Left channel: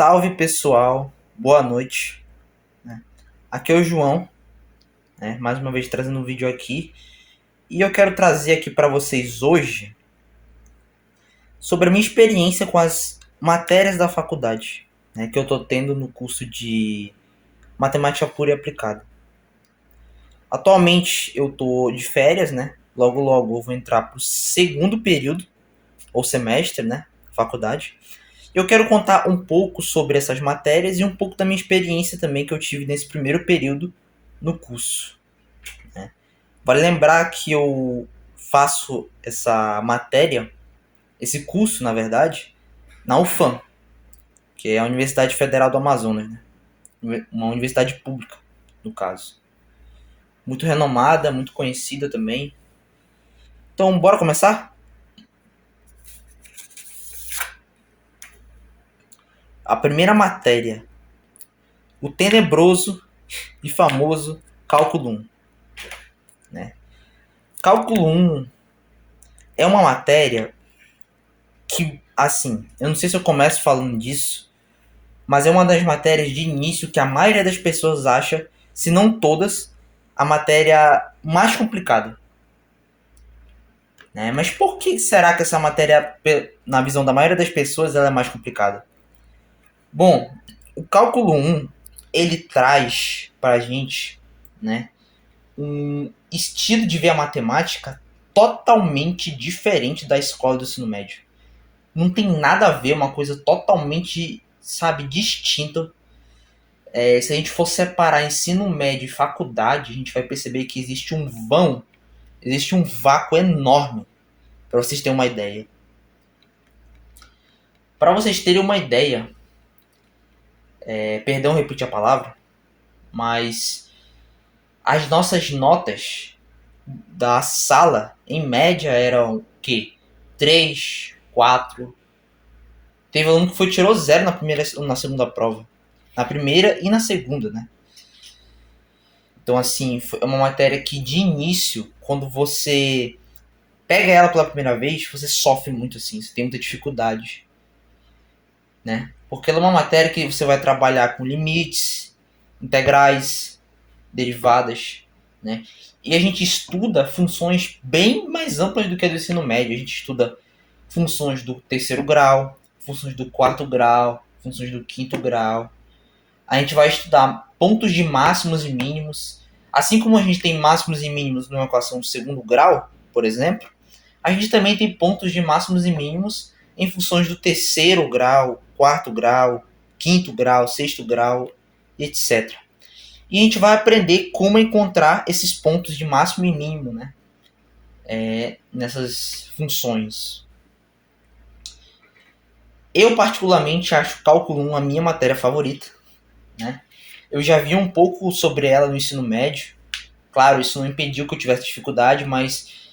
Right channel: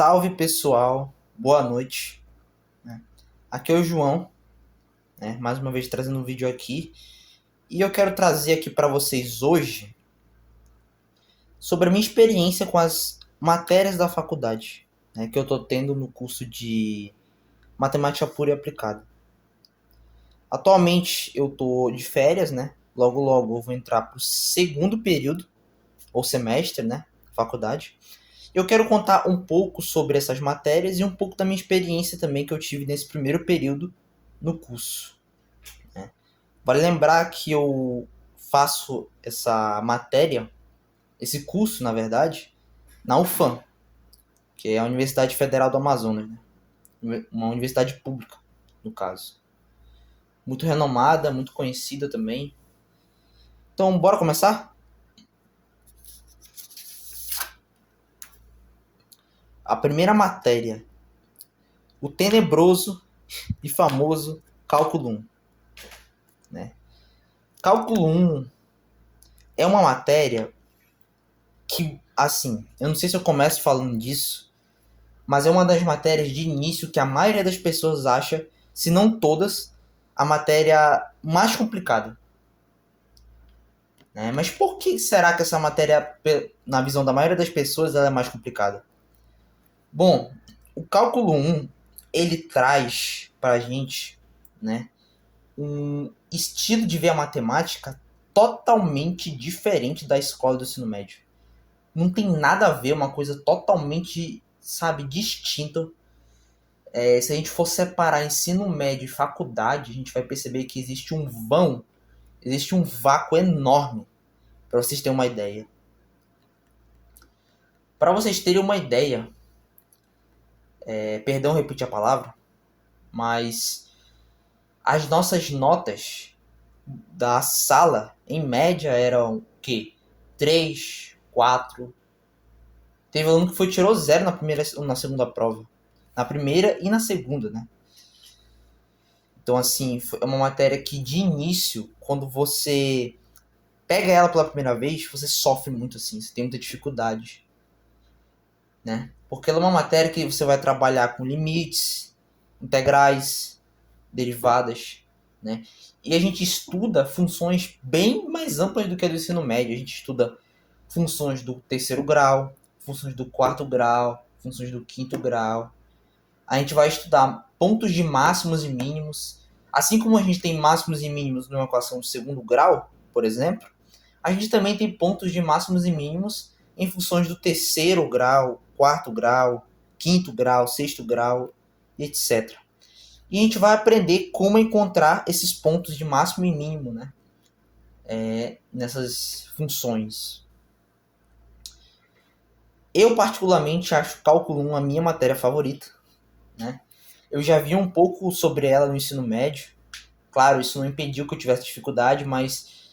Salve pessoal, boa noite, né? Aqui é o João, né? Mais uma vez trazendo um vídeo aqui. E eu quero trazer aqui para vocês hoje sobre a minha experiência com as matérias da faculdade, né? Que eu tô tendo no curso de Matemática Pura e Aplicada. Atualmente eu tô de férias, né? Logo logo eu vou entrar pro segundo período, ou semestre, né? Faculdade. Eu quero contar um pouco sobre essas matérias e um pouco da minha experiência também que eu tive nesse primeiro período no curso, né? Vale lembrar que eu faço essa matéria, esse curso, na verdade, na UFAM, que é a Universidade Federal do Amazonas, né? Uma universidade pública, no caso. Muito renomada, muito conhecida também. Então, bora começar? A primeira matéria, o tenebroso e famoso Cálculo 1, né? Cálculo 1 é uma matéria que, assim, eu não sei se eu começo falando disso, mas é uma das matérias de início que a maioria das pessoas acha, se não todas, a matéria mais complicada, né? Mas por que será que essa matéria, na visão da maioria das pessoas, ela é mais complicada? Bom, o cálculo 1, ele traz pra gente, né, um estilo de ver a matemática totalmente diferente da escola do ensino médio. Não tem nada a ver, uma coisa totalmente, sabe, distinta. Se a gente for separar ensino médio e faculdade, a gente vai perceber que existe um vão, existe um vácuo enorme, para vocês terem uma ideia. Para vocês terem uma ideia, perdão repetir a palavra, mas as nossas notas da sala, em média, eram o quê? 3, 4. Teve aluno que tirou 0 na segunda prova. Na primeira e na segunda, né? Então, assim, é uma matéria que de início, quando você pega ela pela primeira vez, você sofre muito, assim, você tem muita dificuldade, né? Porque ela é uma matéria que você vai trabalhar com limites, integrais, derivadas, né? E a gente estuda funções bem mais amplas do que a do ensino médio. A gente estuda funções do terceiro grau, funções do quarto grau, funções do quinto grau. A gente vai estudar pontos de máximos e mínimos. Assim como a gente tem máximos e mínimos numa equação de segundo grau, por exemplo, a gente também tem pontos de máximos e mínimos em funções do terceiro grau, quarto grau, quinto grau, sexto grau, etc. E a gente vai aprender como encontrar esses pontos de máximo e mínimo, né? Nessas funções. Eu particularmente acho cálculo 1 a minha matéria favorita, né? Eu já vi um pouco sobre ela no ensino médio. Claro, isso não impediu que eu tivesse dificuldade, mas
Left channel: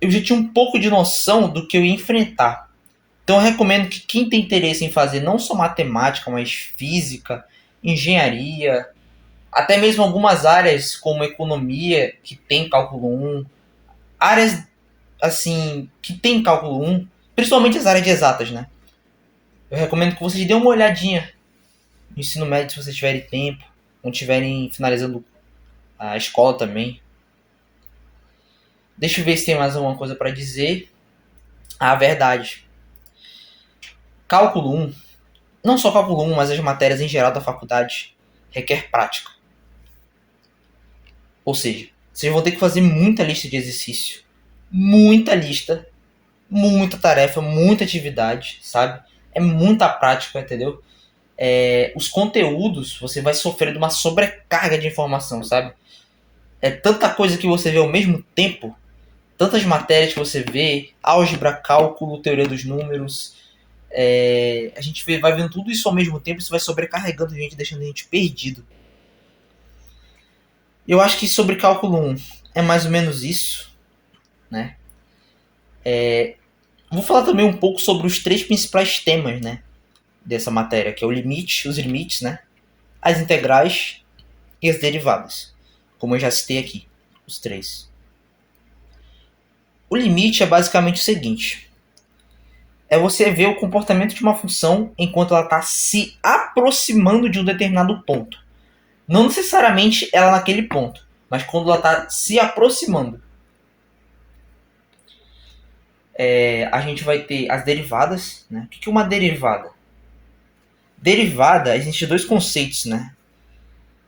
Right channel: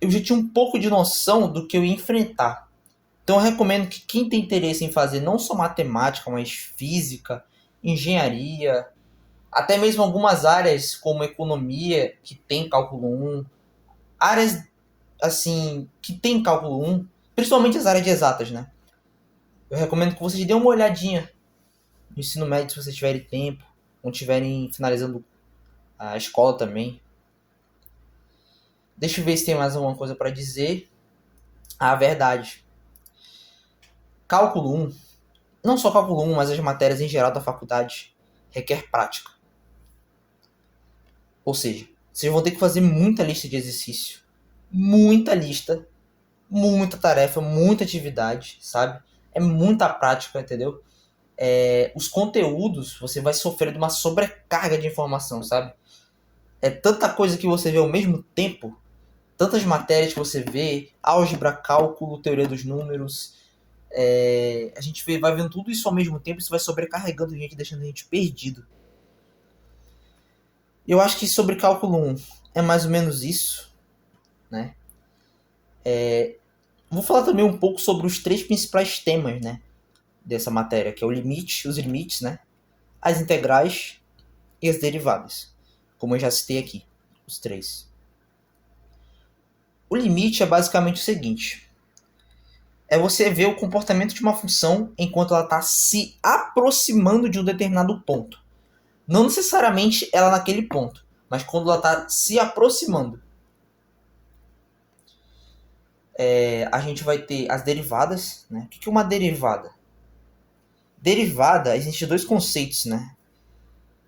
eu já tinha um pouco de noção do que eu ia enfrentar. Então eu recomendo que quem tem interesse em fazer não só matemática, mas física, engenharia, até mesmo algumas áreas como economia, que tem cálculo 1, áreas assim, que tem cálculo 1, principalmente as áreas de exatas, né? Eu recomendo que vocês dêem uma olhadinha no ensino médio se vocês tiverem tempo, ou estiverem finalizando a escola também. Deixa eu ver se tem mais alguma coisa para dizer. Ah, verdade. Cálculo 1, não só cálculo 1, mas as matérias em geral da faculdade, requer prática. Ou seja, vocês vão ter que fazer muita lista de exercício, muita lista, muita tarefa, muita atividade, sabe? É muita prática, entendeu? Os conteúdos, você vai sofrer de uma sobrecarga de informação, sabe? É tanta coisa que você vê ao mesmo tempo, tantas matérias que você vê, álgebra, cálculo, teoria dos números, a gente vai vendo tudo isso ao mesmo tempo, isso vai sobrecarregando a gente, deixando a gente perdido. Eu acho que sobre cálculo 1 é mais ou menos isso, né? Vou falar também um pouco sobre os três principais temas, né, dessa matéria, que é o limite, os limites, né, as integrais e as derivadas, como eu já citei aqui, os três. O limite é basicamente o seguinte: é você ver o comportamento de uma função enquanto ela está se aproximando de um determinado ponto. Não necessariamente ela naquele ponto, mas quando ela está se aproximando. A gente vai ter as derivadas, né? O que é uma derivada? Derivada, existem dois conceitos, né?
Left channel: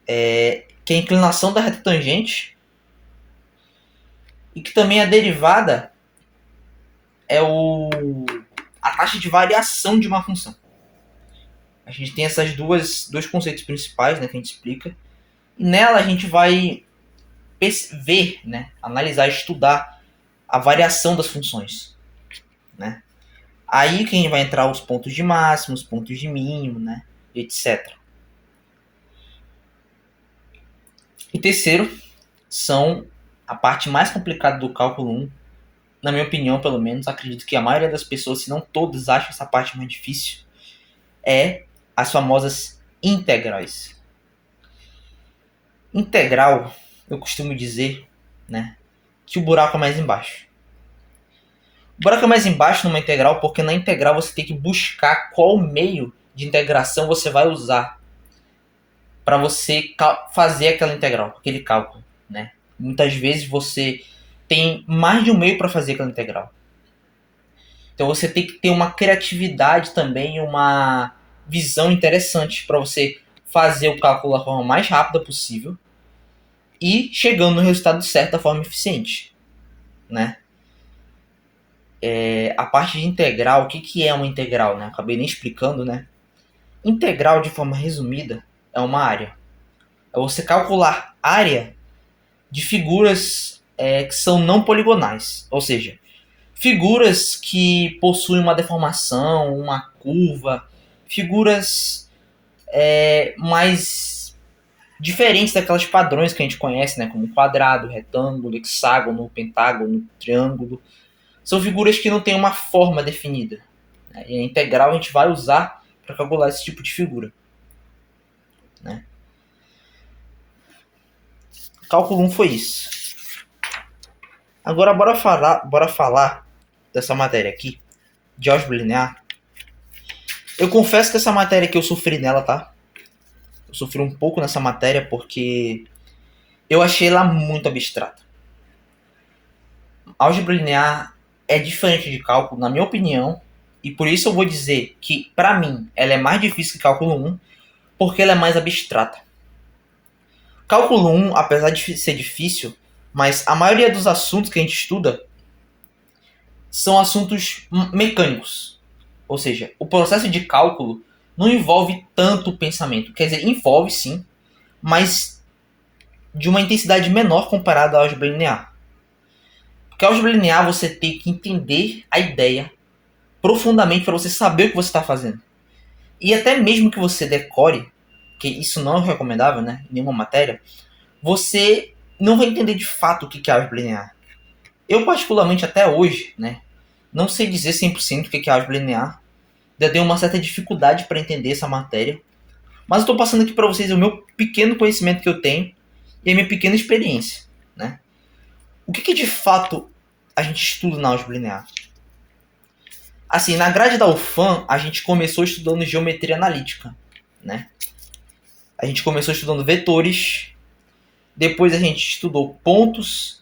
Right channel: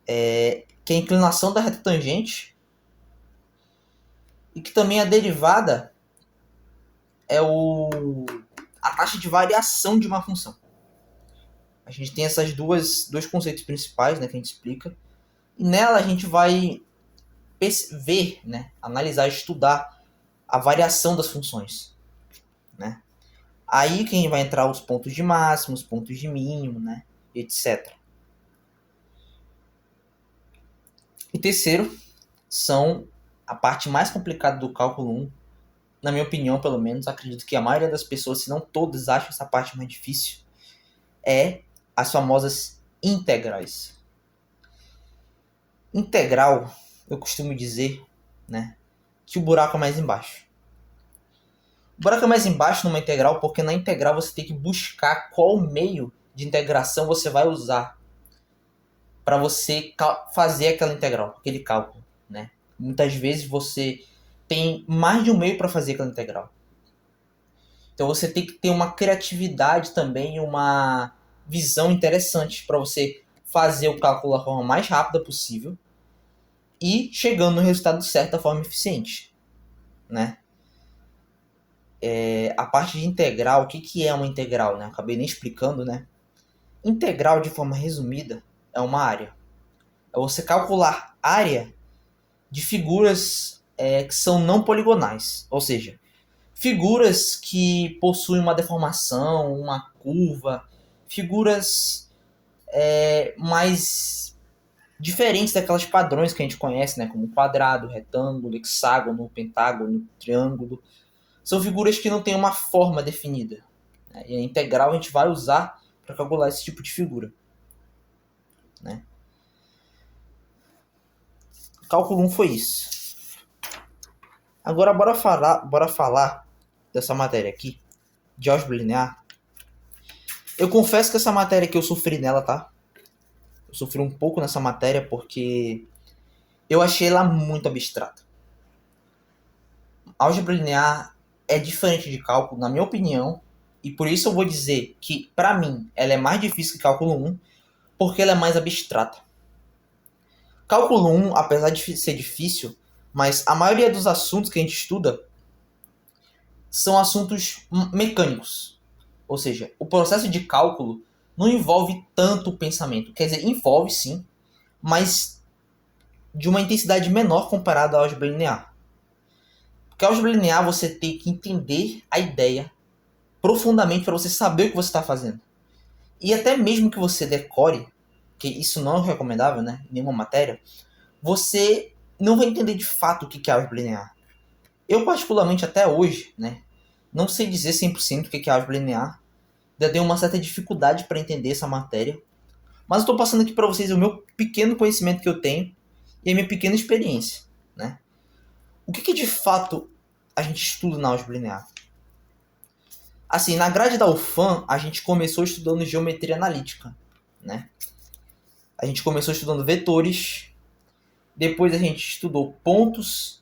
Que é a inclinação da reta tangente e que também a derivada é a taxa de variação de uma função. A gente tem essas dois conceitos principais, né, que a gente explica. E nela a gente vai ver, né, analisar, estudar a variação das funções, né? Aí que vai entrar os pontos de máximo, os pontos de mínimo, né, etc. E terceiro, são a parte mais complicada do cálculo 1, na minha opinião, pelo menos, acredito que a maioria das pessoas, se não todas, acham essa parte mais difícil, é as famosas integrais. Integral, eu costumo dizer, né, que o buraco é mais embaixo. O buraco é mais embaixo numa integral porque na integral você tem que buscar qual meio de integração você vai usar para você fazer aquela integral, aquele cálculo, né? Muitas vezes você tem mais de um meio para fazer aquela integral. Então você tem que ter uma criatividade também, uma visão interessante para você fazer o cálculo da forma mais rápida possível e chegando no resultado certo da forma eficiente, né? A parte de integral, o que é uma integral, né? Acabei nem explicando, né? Integral, de forma resumida, é uma área. É você calcular área de figuras que são não poligonais, ou seja, figuras que possuem uma deformação, uma curva, figuras mais diferentes daquelas padrões que a gente conhece, né? Como quadrado, retângulo, hexágono, pentágono, triângulo. São figuras que não têm uma forma definida, né? E a integral a gente vai usar para calcular esse tipo de figura, né? Cálculo 1 foi isso. Agora bora falar dessa matéria aqui, de álgebra linear. Eu confesso que essa matéria aqui eu sofri nela, tá? Eu sofri um pouco nessa matéria porque eu achei ela muito abstrata. Álgebra linear é diferente de cálculo, na minha opinião, e por isso eu vou dizer que, para mim, ela é mais difícil que cálculo 1, porque ela é mais abstrata. Cálculo 1, apesar de ser difícil, mas a maioria dos assuntos que a gente estuda são assuntos mecânicos. Ou seja, o processo de cálculo não envolve tanto pensamento. Quer dizer, envolve sim, mas de uma intensidade menor comparada à álgebra linear. Porque a álgebra linear você tem que entender a ideia profundamente para você saber o que você está fazendo. E até mesmo que você decore, que isso não é recomendável, né, em nenhuma matéria, você não vai entender de fato o que é álgebra linear. Eu, particularmente, até hoje, né, não sei dizer 100% o que é álgebra linear. Eu tenho uma certa dificuldade para entender essa matéria. Mas eu estou passando aqui para vocês o meu pequeno conhecimento que eu tenho e a minha pequena experiência, né? O que de fato a gente estuda na álgebra linear? Assim, na grade da UFAM, a gente começou estudando geometria analítica, né? A gente começou estudando vetores, depois a gente estudou pontos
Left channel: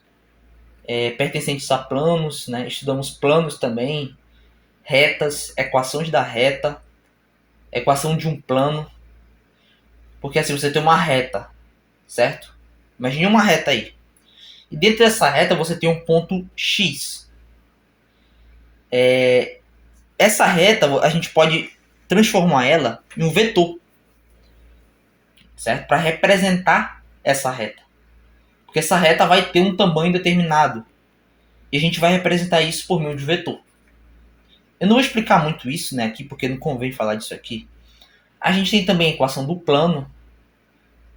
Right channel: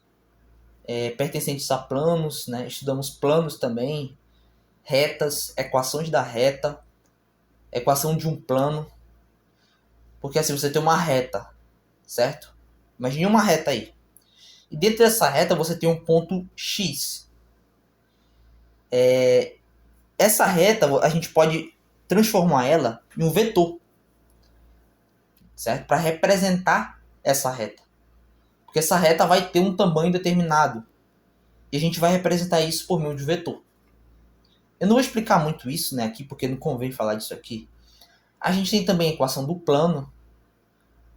pertencentes a planos, né? Estudamos planos também, retas, equações da reta, equação de um plano. Porque assim, você tem uma reta, certo? Imagine uma reta aí. E dentro dessa reta você tem um ponto X. Essa reta a gente pode transformar ela em um vetor, certo? Para representar essa reta. Porque essa reta vai ter um tamanho determinado. E a gente vai representar isso por meio de vetor. Eu não vou explicar muito isso, né, aqui, porque não convém falar disso aqui. A gente tem também a equação do plano.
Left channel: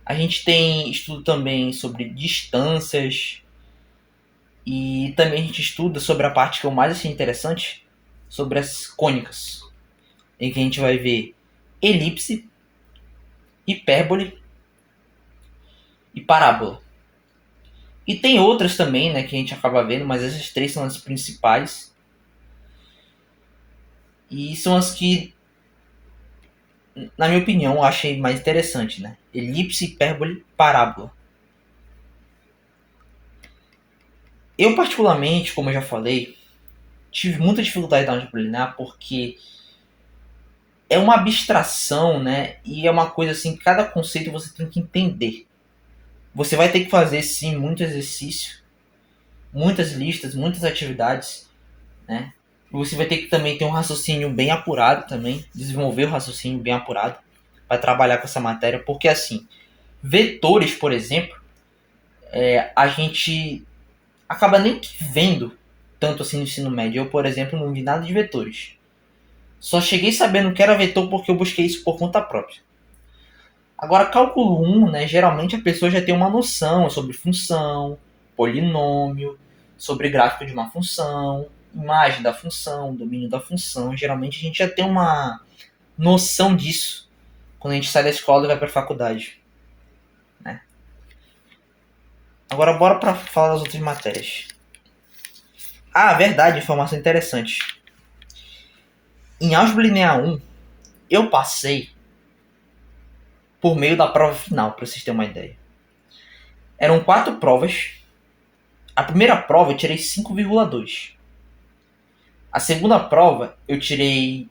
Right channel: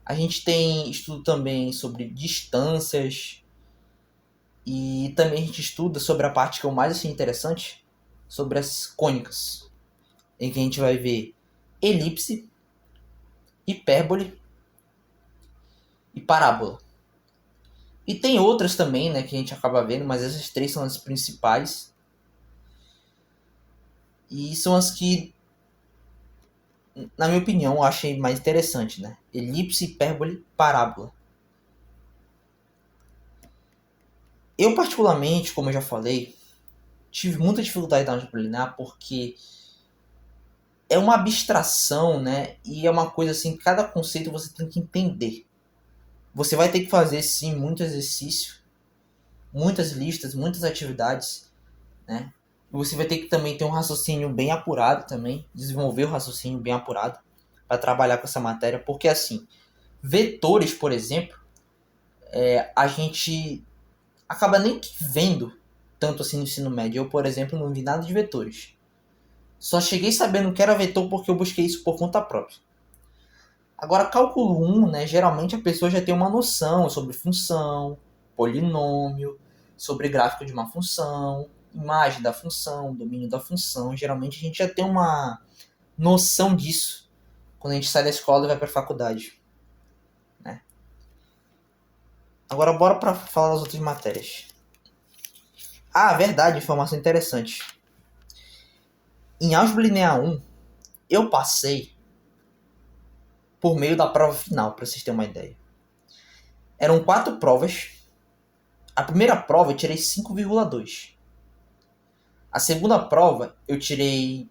A gente tem estudo também sobre distâncias. E também a gente estuda sobre a parte que eu mais achei interessante, sobre as cônicas. Em que a gente vai ver elipse, hipérbole e parábola. E tem outras também, né, que a gente acaba vendo, mas essas três são as principais. E são as que, na minha opinião, eu achei mais interessante, né? Elipse, hipérbole, parábola. Eu, particularmente, como eu já falei, tive muita dificuldade na álgebra linear porque é uma abstração, né? E é uma coisa assim, cada conceito você tem que entender. Você vai ter que fazer, sim, muito exercício, muitas listas, muitas atividades, né? E você vai ter que também ter um raciocínio bem apurado também, desenvolver o raciocínio bem apurado para trabalhar com essa matéria, porque assim, vetores, por exemplo, a gente acaba nem que vendo tanto assim no ensino médio. Eu, por exemplo, não vi nada de vetores. Só cheguei sabendo que era vetor porque eu busquei isso por conta própria. Agora, cálculo 1, né, geralmente a pessoa já tem uma noção sobre função, polinômio, sobre gráfico de uma função, imagem da função, domínio da função. Geralmente a gente já tem uma noção disso quando a gente sai da escola e vai para a faculdade, né? Agora, bora para falar das outras matérias. Ah, verdade, informação interessante. Em álgebra linear 1, eu passei por meio da prova final, para vocês terem uma ideia. Eram 4 provas. A primeira prova eu tirei 5,2. A segunda prova eu tirei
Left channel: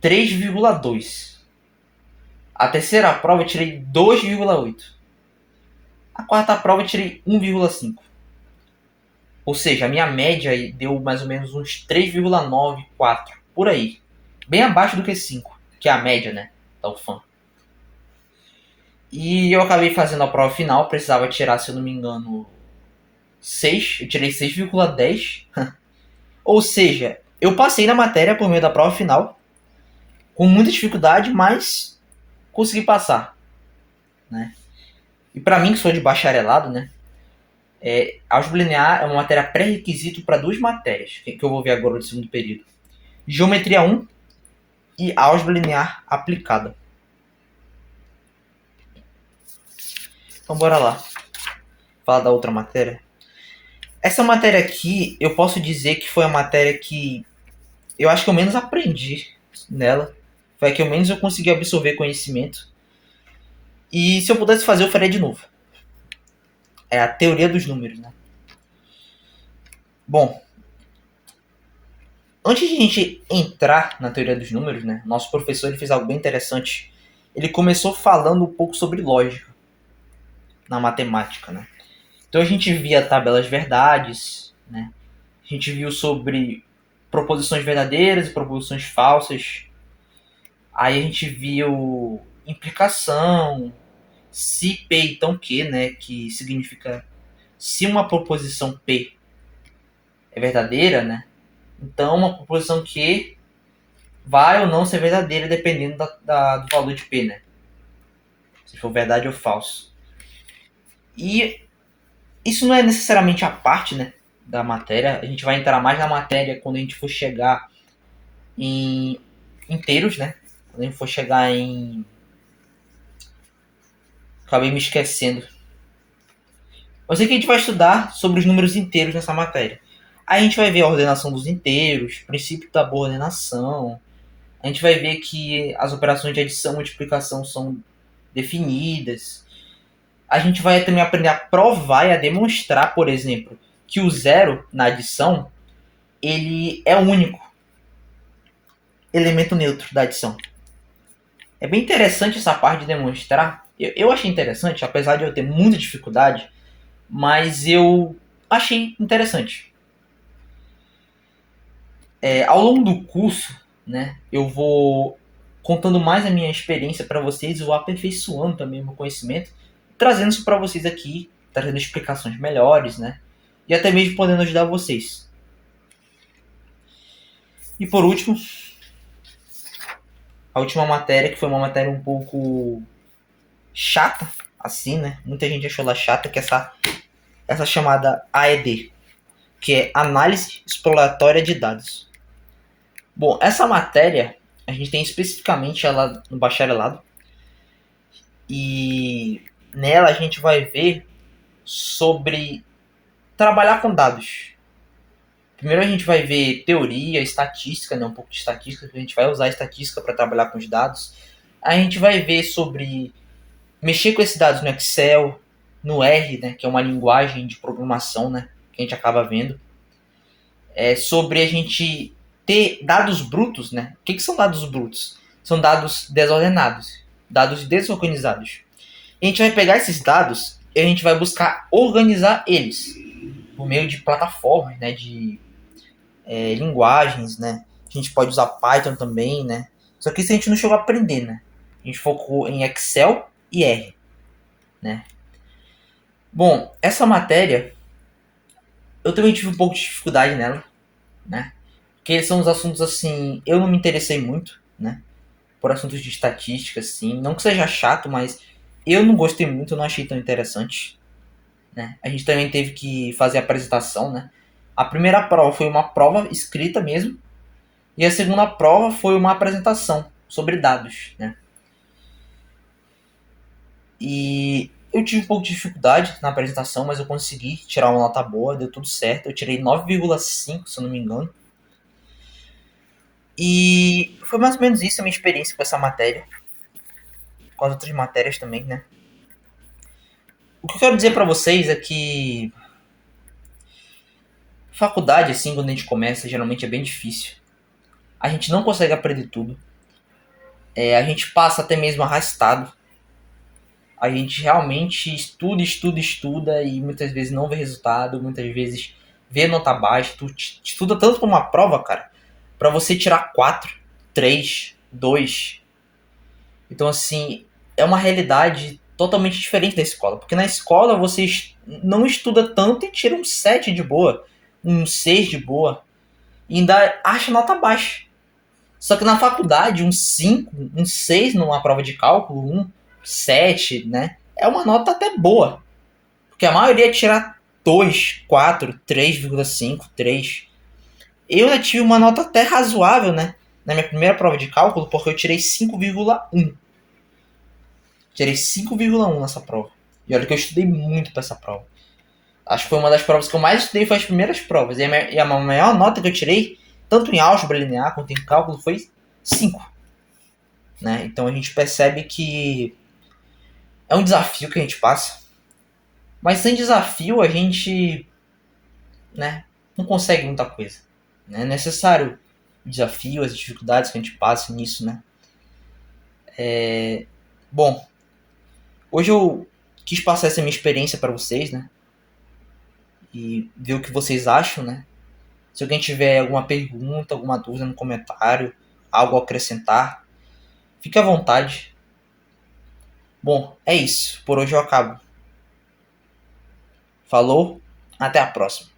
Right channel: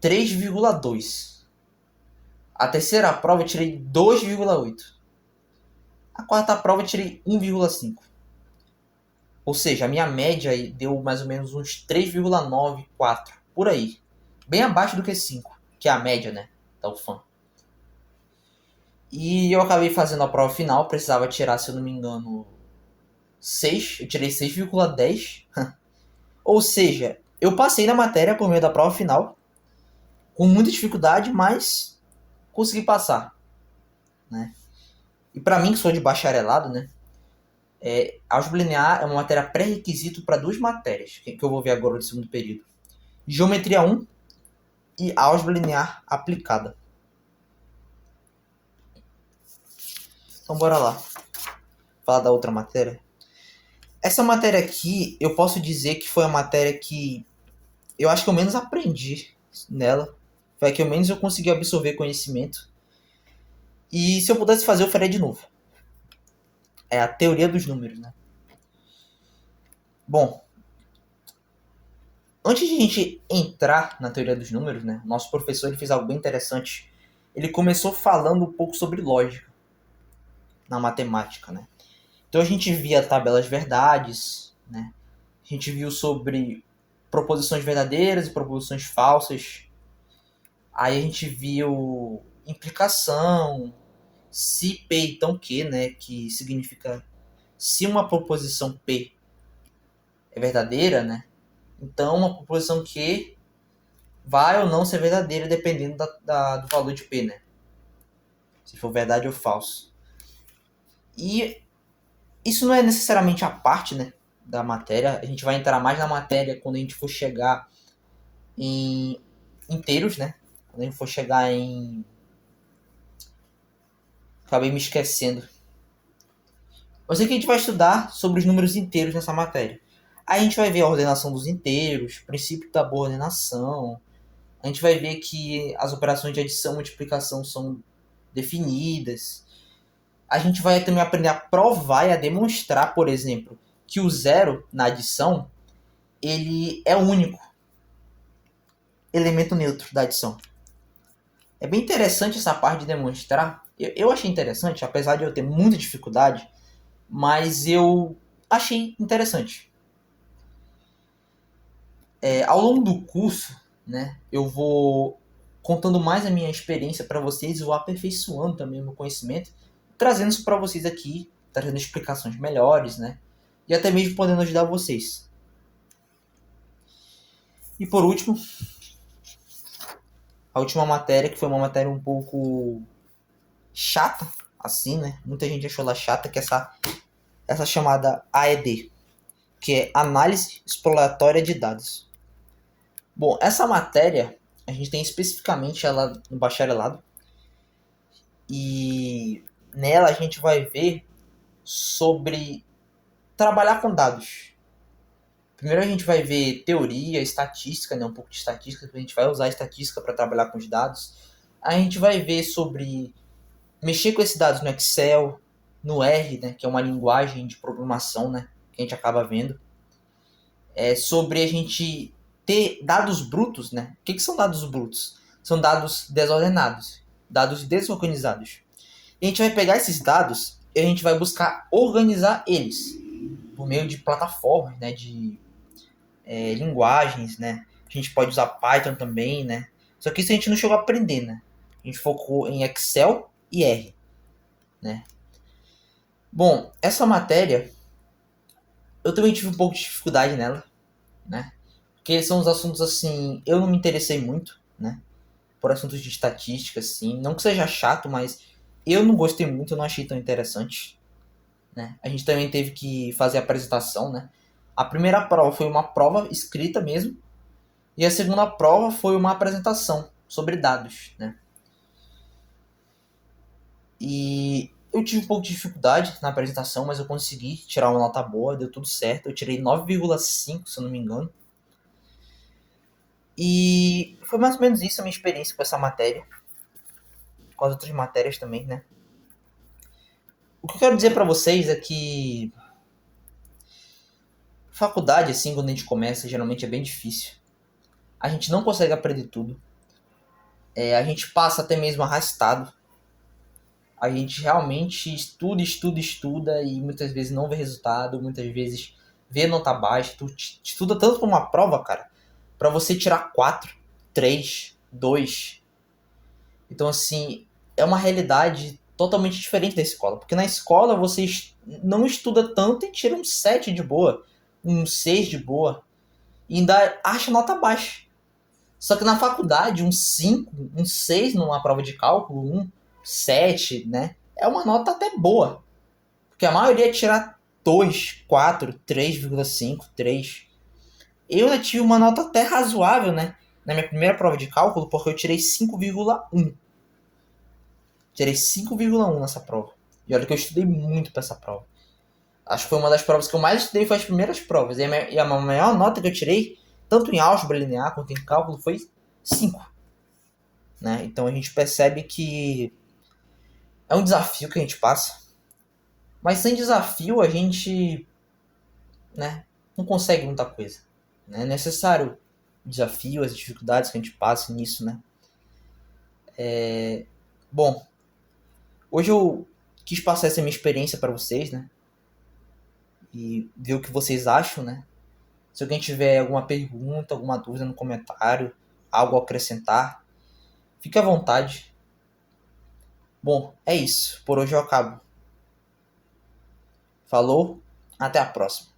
3,2. A terceira prova eu tirei 2,8. A quarta prova eu tirei 1,5. Ou seja, a minha média deu mais ou menos uns 3,9, 4. Por aí. Bem abaixo do que 5, que é a média, né? Da UFAM. E eu acabei fazendo a prova final. Precisava tirar, se eu não me engano, 6. Eu tirei 6,10. Ou seja, eu passei na matéria por meio da prova final, com muita dificuldade, mas consegui passar, né? E para mim, que sou de bacharelado, né? Álgebra linear é uma matéria pré-requisito para 2 matérias, que eu vou ver agora no segundo período. Geometria 1 e álgebra linear aplicada. Então bora lá. Falar da outra matéria. Essa matéria aqui, eu posso dizer que foi a matéria que eu acho que eu menos aprendi nela. Foi a que eu menos eu consegui absorver conhecimento. E se eu pudesse fazer, eu faria de novo. É a teoria dos números, né? Bom, antes de a gente entrar na teoria dos números, né? Nosso professor ele fez algo bem interessante. Ele começou falando um pouco sobre lógica na matemática, né? Então a gente via tabelas verdades, né? A gente viu sobre proposições verdadeiras e proposições falsas. Aí a gente viu implicação, se P então Q, né? Que significa se uma proposição P é verdadeira, né? Então uma proposição Q vai ou não ser verdadeira dependendo do valor de P, né? Se for verdade ou falso. E isso não é necessariamente a parte, né, da matéria. A gente vai entrar mais na matéria quando a gente for chegar em inteiros, né? Quando a gente for chegar em... Acabei me esquecendo. Eu sei que a gente vai estudar sobre os números inteiros nessa matéria. Aí a gente vai ver a ordenação dos inteiros, princípio da boa ordenação. A gente vai ver que as operações de adição e multiplicação são definidas. A gente vai também aprender a provar e a demonstrar, por exemplo, que o zero na adição ele é o único elemento neutro da adição. É bem interessante essa parte de demonstrar. Eu achei interessante, apesar de eu ter muita dificuldade, mas eu achei interessante. Ao longo do curso, né, eu vou contando mais a minha experiência para vocês, eu vou aperfeiçoando também o meu conhecimento, trazendo isso para vocês aqui, trazendo explicações melhores, né, e até mesmo podendo ajudar vocês. E por último, a última matéria, que foi uma matéria um pouco chata, assim, né? Muita gente achou ela chata, que é essa chamada AED, que é Análise Exploratória de Dados. Bom, essa matéria, a gente tem especificamente ela no bacharelado, e nela a gente vai ver sobre trabalhar com dados, Primeiro a gente vai ver teoria, estatística, né? Um pouco de estatística, porque a gente vai usar a estatística para trabalhar com os dados. Aí a gente vai ver sobre mexer com esses dados no Excel, no R, né? Que é uma linguagem de programação, né? Que a gente acaba vendo. Sobre a gente ter dados brutos, né? O que são dados brutos? São dados desordenados, dados desorganizados. E a gente vai pegar esses dados e a gente vai buscar organizar eles por meio de plataformas, né? De linguagens, né? A gente pode usar Python também, né? Só que isso a gente não chegou a aprender, né? A gente focou em Excel e R, né? Bom, essa matéria eu também tive um pouco de dificuldade nela, né? Porque são os assuntos assim, eu não me interessei muito, né? Por assuntos de estatística, assim. Não que seja chato, mas eu não gostei muito, eu não achei tão interessante, né? A gente também teve que fazer a apresentação, né? A primeira prova foi uma prova escrita mesmo, e a segunda prova foi uma apresentação sobre dados, né? E eu tive um pouco de dificuldade na apresentação, mas eu consegui tirar uma nota boa, deu tudo certo. Eu tirei 9,5, se eu não me engano. E foi mais ou menos isso a minha experiência com essa matéria. Com as outras matérias também, né? O que eu quero dizer pra vocês é que faculdade, assim, quando a gente começa, geralmente é bem difícil. A gente não consegue aprender tudo. A gente passa até mesmo arrastado. A gente realmente estuda, estuda, estuda e muitas vezes não vê resultado, muitas vezes vê nota baixa. Tu estuda tanto pra uma prova, cara, pra você tirar 4, 3, 2. Então, assim, é uma realidade totalmente diferente da escola. Porque na escola você não estuda tanto e tira um 7 de boa, um 6 de boa, e ainda acha nota baixa. Só que na faculdade, um 5, um 6 numa prova de cálculo, um 7, né? É uma nota até boa. Porque a maioria tira 2, 4, 3,5, 3. Eu já tive uma nota até razoável, né? Na minha primeira prova de cálculo, porque eu tirei 5,1. Tirei 5,1 nessa prova. E olha que eu estudei muito pra essa prova. Acho que foi uma das provas que eu mais estudei, foi as primeiras provas. E a maior nota que eu tirei, tanto em álgebra linear quanto em cálculo, foi 5. Né? Então a gente percebe que é um desafio que a gente passa. Mas sem desafio a gente, né, não consegue muita coisa. Né? É necessário o desafio, as dificuldades que a gente passa nisso, né? Bom, hoje eu quis passar essa minha experiência para vocês, né? E ver o que vocês acham, né? Se alguém tiver alguma pergunta, alguma dúvida no comentário, algo a acrescentar, fique à vontade. Bom, é isso. Por hoje eu acabo. Falou, até a próxima.